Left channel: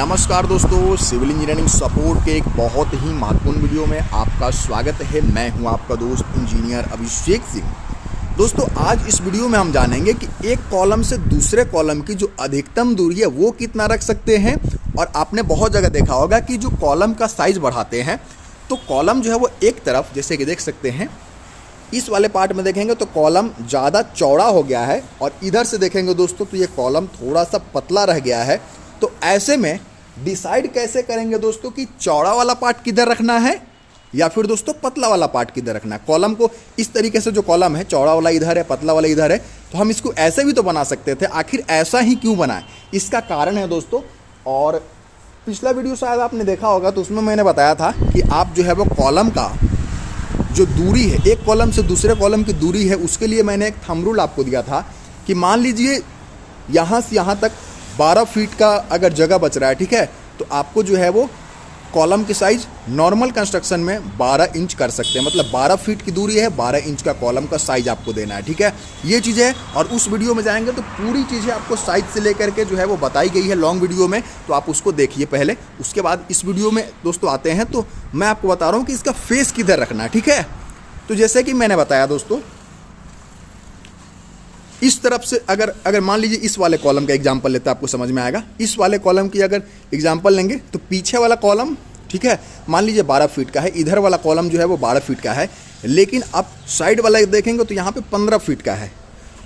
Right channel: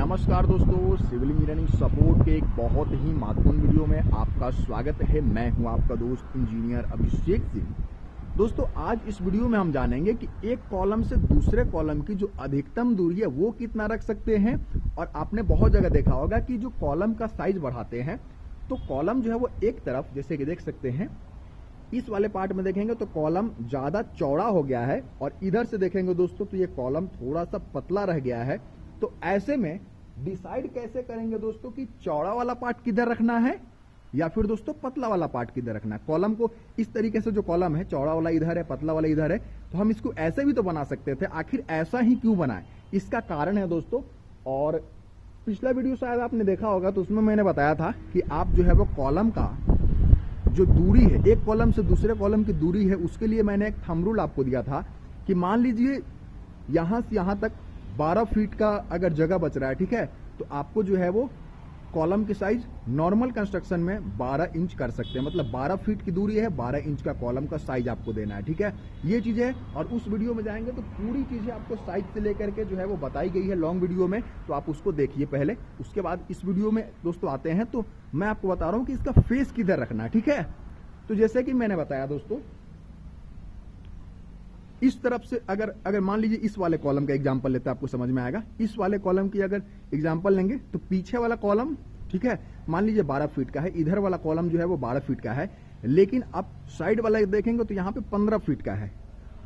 नमस्कार दोस्तों, civil engineering support के एक बहुत ही महत्वपूर्ण वीडियो में आपका स्वागत है। मैं हूं आपका दोस्त इंजीनियर अभिषेक सिंह। दोस्तों, आज इस वीडियो में हम जानेंगे कि एक कॉलम से दूसरे कॉलम की जो अधिकतम दूरी है वो कितना रख सकते हैं। और आपने बहुत जगह देखा होगा कि जो कॉलम का साइज बढ़ाते हैं तो कॉलम जो है वो एक तरफ, जैसे कि देख सकते हैं इस वाले पार्ट में देखेंगे तो कॉलम ज़्यादा चौड़ा हो गया है, और इधर से देखेंगे दोस्तों तो ये कॉलम थोड़ा सा पतला रह गया है। तो ऐसे में डिसाइड कैसे करेंगे दोस्तों कि चौड़ा वाला पार्ट किधर रखना है या फिर दोस्तों पतला वाला पार्ट किधर रखना है। कॉलम को इस तरीके से, जो कॉलम है चौड़ा वाला इधर है, पतला वाला इधर है, तो हम इसको ऐसे भी तो बना सकते थे। आखिर ऐसा ही क्यों बनाए, इसका कारण है दोस्तों। और पिछला वीडियो शायद आपने देखा होगा तो उसमें मैंने बताया था कि आप जो है वो कॉलम का जो दूरी है, एक कॉलम से दूसरे कॉलम की दूरी है, उसके लिए मैंने एक थंब रूल आपको दिया था कि मान लीजिए यहाँ से यहाँ तक 12 फीट का अगर जगह बच रहा है, ठीक है, तो आपको जो है वो कॉलम की साइज नॉर्मल कंस्ट्रक्शन में 12 इंच कर सकते हैं। मतलब 12 फीट की दूरी है, 12 इंच का कॉलम का साइज आपको देना है, ठीक है। ये चीज़ है, और उस वीडियो में जाएंगे तो पूरी चीज़ें आपको साइज से लेकर के जो है वो बताई गई है लॉन्ग वीडियो में, तो आप उसको देखिए पहले। उसके बाद इस वीडियो में दोस्तों आते हैं तो मैं आपको बता रहा हूँ कि इसका फेस किधर रखना है, ठीक है। तो जैसे कि मैंने बताया दोस्तों, इस तरफ से अगर मान लीजिए इस वाले कॉलम का एग्जांपल लेते हैं, आपको समझ में आएगा। इस वाले कॉलम की अगर एग्जांपल लेंगे तो पीछे वाला कॉलम, ठीक है, मान लीजिए 12 फीट का है, इधर वाला कॉलम जो है वो 12 फीट का है। लेकिन आप साइड वाला देखेंगे तो यहाँ पे 15 फीट का है,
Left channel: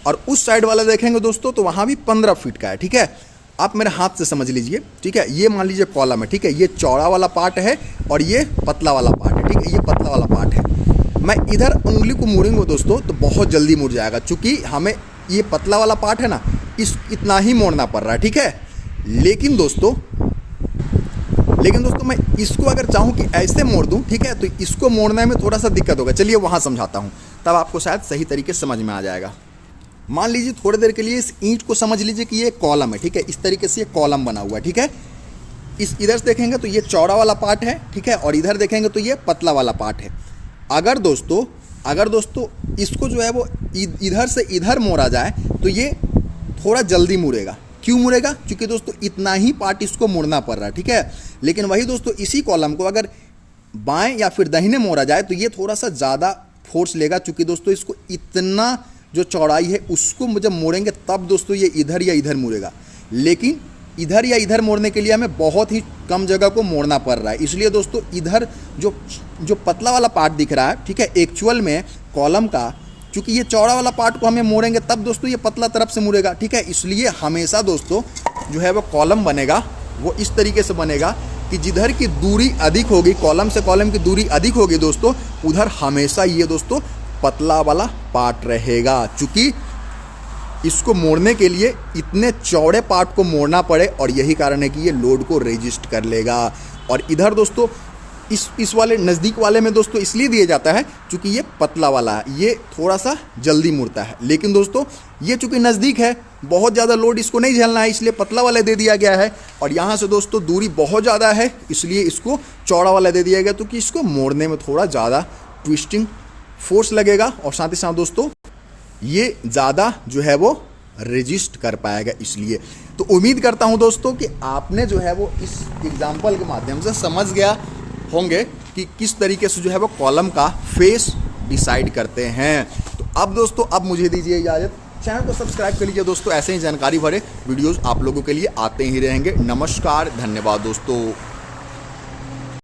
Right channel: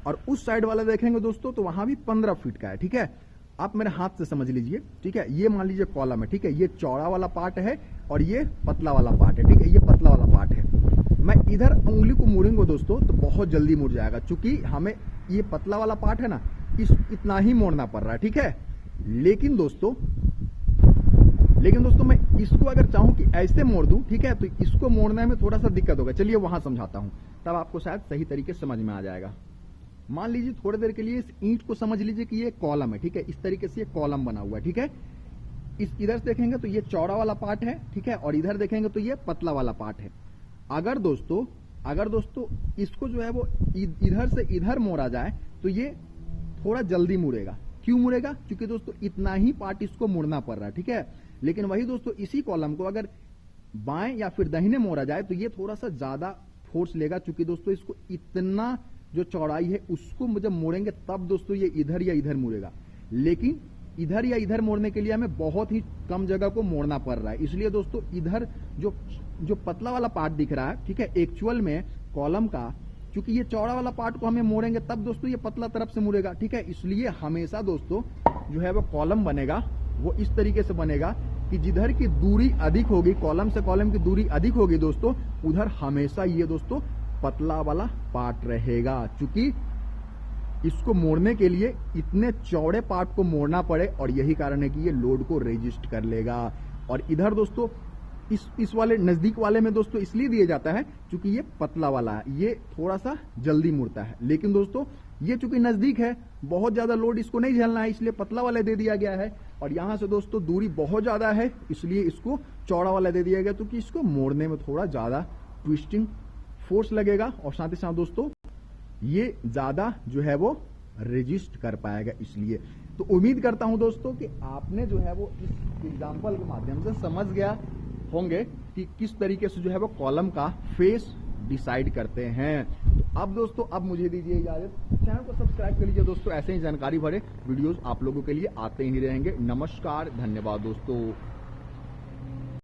और उस साइड वाला देखेंगे दोस्तों तो वहाँ भी 15 फीट का है, ठीक है। आप मेरे हाथ से समझ लीजिए, ठीक है। ये मान लीजिए कॉलम है, ठीक है, ये चौड़ा वाला पार्ट है और ये पतला वाला पार्ट है, ठीक है, ये पतला वाला पार्ट है। मैं इधर उंगली को मोड़ूंगा दोस्तों तो बहुत जल्दी मुड़ जाएगा, चूँकि हमें ये पतला वाला पार्ट है ना, इतना ही मोड़ना पड़ रहा है, ठीक है। लेकिन दोस्तों मैं इसको अगर चाहूँ कि ऐसे मोड़ दूँ, ठीक है, तो इसको मोड़ने में थोड़ा सा दिक्कत होगा। चलिए वहाँ समझाता हूँ, तब आपको शायद सही तरीके से समझ में आ जाएगा। मान लीजिए थोड़ी देर के लिए इस ईंट को समझ लीजिए कि ये कॉलम है, ठीक है, इस तरीके से ये कॉलम बना हुआ है, ठीक है। इधर से देखेंगे तो ये चौड़ा वाला पार्ट है, ठीक है, और इधर देखेंगे तो ये पतला वाला पार्ट है। अगर दोस्तों इसको जो है वो इधर से इधर मोड़ा जाए तो ये थोड़ा जल्दी मुड़ेगा। क्यों मुड़ेगा? क्योंकि दोस्तों इतना ही पार्ट इसको मुड़ना पड़ रहा है, ठीक है। लेकिन वही दोस्तों इसी कॉलम को अगर बाएं या फिर दाहिने मोड़ा जाए तो ये थोड़ा सा ज़्यादा फोर्स लेगा, क्योंकि दोस्तों इसको इतना जो चौड़ाई है उसको जब मोड़ेंगे तब दोस्तों ये इधर या इधर मुड़ेगा। लेकिन इधर या इधर मोड़ने के लिए हमें बहुत ही कम जगह को मोड़ना पड़ रहा है। इसलिए दोस्तों इधर जो पतला वाला पार्ट दिख रहा है, ठीक है, एक्चुअल में कॉलम का, क्योंकि ये चौड़ा वाला पार्ट को हमें मोड़ेंगे तब दोस्तों ये पतला तरफ से मुड़ेगा, ठीक है। इसलिए हमेशा दोस्तों जो है वो कॉलम बनेगा वो इस तरीके से बनेगा कि जिधर की दूरी अधिक होगी, कॉलम से कॉलम की दूरी अधिक होगी दोस्तों, उधर हमेशा ये दोस्तों पतला वाला पार्ट रहेगा। चूँकि इसको मोड़ने के लिए इतने चौड़े पार्ट को मोड़ना पड़े, और यही कारण है कि ये लोड को रेजिस्ट कर लेगा। और इधर दोस्तों इस वाले नज़दीक वाले में दोस्तों इसलिए दिया जाता है क्योंकि ये पतला वाला है, ये थोड़ा सा जल्दी मुड़ता है। लेकिन दोस्तों ये चूँकि नज़दीक है, बहुत ज़्यादा लोड इसको नहीं झेलना है, इसलिए पतला वाला दे दिया गया है। और यहाँ से दोस्तों दूरी बहुत ज़्यादा है, इसलिए इसको चौड़ा वाला दे दिया गया, क्योंकि इसको मोड़ने में थोड़ा ज़्यादा ट्विस्टिंग फोर्स लगेगा, और साथ ही साथ दोस्तों ये ज़्यादा जो है वो रेजिस्ट कर पाएगा। इसलिए तो उम्मीद करता हूं दोस्तों कि आपने जो है वो इस एग्जांपल के माध्यम से समझ गया होंगे कि किस तरीके से जो है वो कॉलम का फेस डिसाइड करते हैं। तो अब दोस्तों अब मुझे दीजिए इजाज़त, चैनल को सब्सक्राइब कर लीजिए दोस्तों, ऐसे ही जानकारी भरे वीडियोज़ आप लोगों के लिए आते ही रहेंगे। नमस्कार, धन्यवाद दोस्तों।